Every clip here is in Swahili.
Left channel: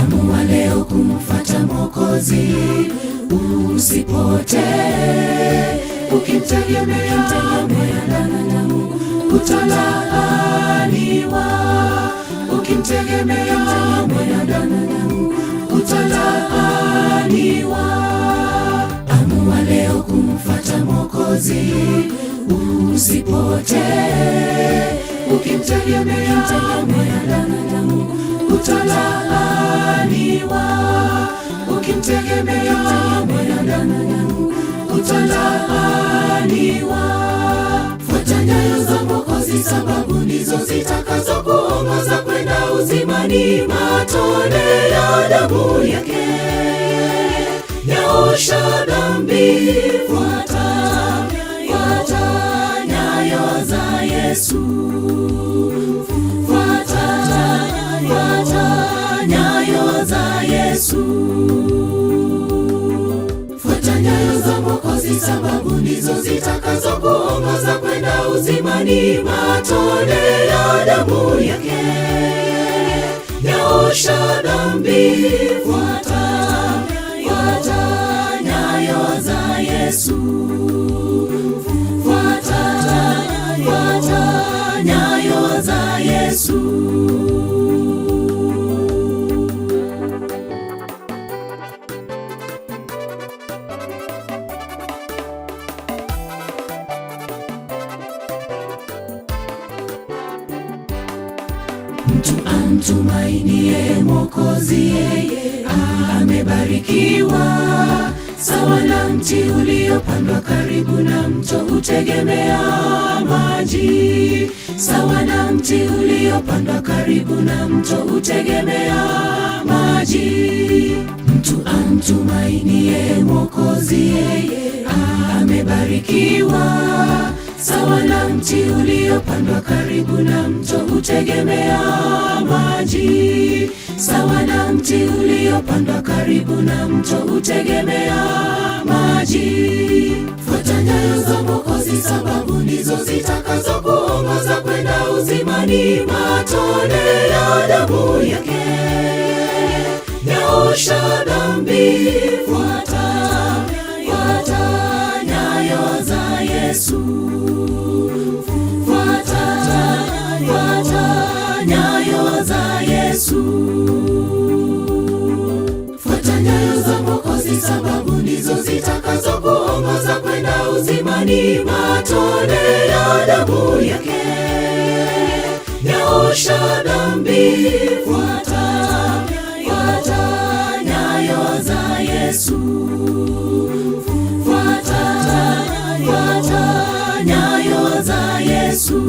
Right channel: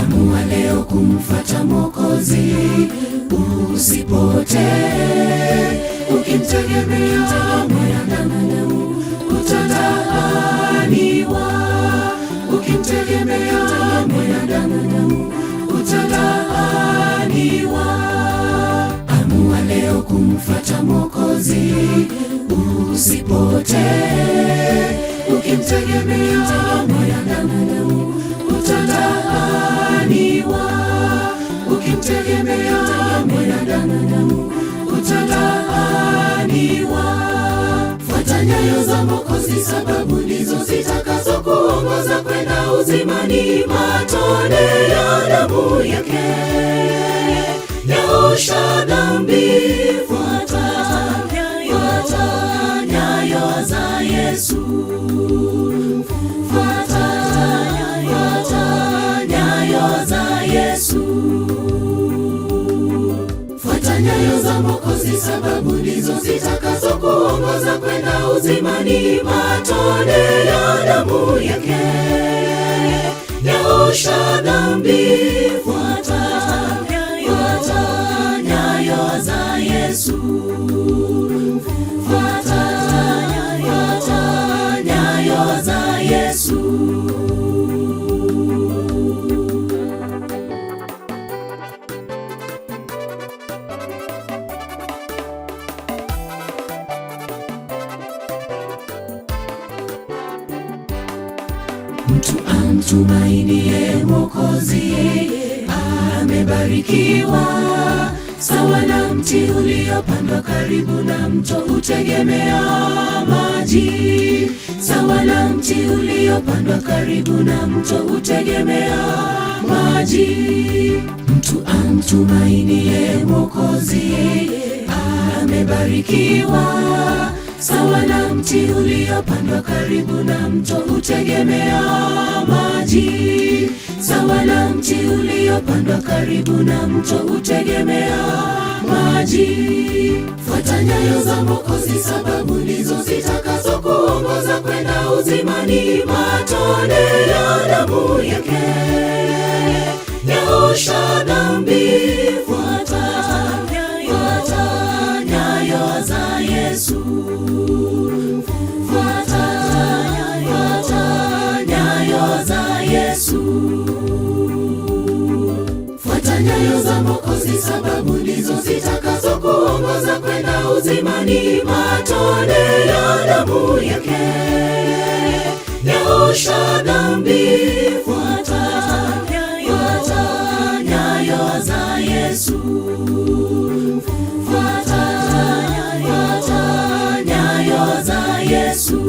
Amua leo kumfuata Mwokozi, usipotee. Ukimtegemea mwanadamu utalaaniwa. Ukimtegemea mwanadamu utalaaniwa. Amua leo kumfuata Mwokozi, usipotee. Ukimtegemea mwanadamu utalaaniwa. Ukimtegemea mwanadamu utalaaniwa. Fuata nyayo za Mwokozi, sababu ndizo zitakazokuongoza kwenda uzimani. Matone ya damu yake yaosha dhambi. Fuata nyayo za Yesu. Fuata nyayo za Yesu. Fuata nyayo za Mwokozi, sababu ndizo zitakazokuongoza kwenda uzimani. Matone ya damu yake yaosha dhambi. Fuata nyayo za Yesu. Fuata nyayo za Yesu. Mtu amtumainie Mwokozi amebarikiwa, sawa na mti uliopandwa karibu na mto utegemea maji. Sawa na mti uliopandwa karibu na mto utegemea maji. Mtu amtumainie Mwokozi amebarikiwa, sawa na mti uliopandwa karibu na mto utegemea maji. Sawa na mti uliopandwa karibu na mto utegemea maji. Fuata nyayo za Mwokozi, sababu ndizo zitakazokuongoza kwenda uzimani. Matone ya damu yake yaosha dhambi. Fuata nyayo za Yesu. Fuata nyayo za Yesu. Fuata nyayo za Mwokozi, sababu ndizo zitakazokuongoza kwenda uzimani. Matone ya damu yake yaosha dhambi. Fuata nyayo za Yesu. Fuata nyayo za Yesu.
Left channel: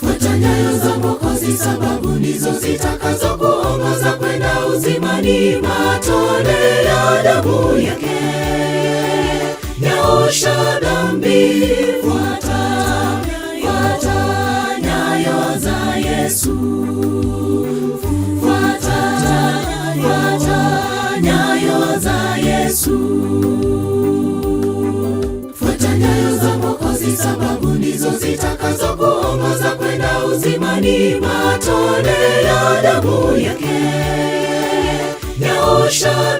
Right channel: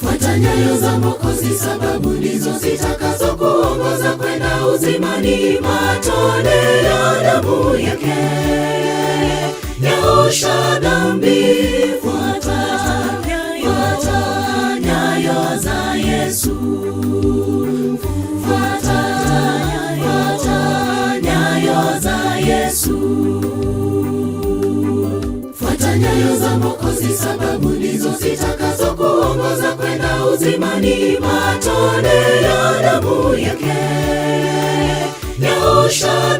Fuata nyayo za Mwokozi, sababu ndizo zitakazokuongoza kwenda uzimani. Matone ya damu yake yaosha dhambi. Fuata nyayo za Yesu. Fuata nyayo za Yesu. Fuata nyayo za Mwokozi, sababu ndizo zitakazokuongoza kwenda uzimani. Matone ya damu yake yaosha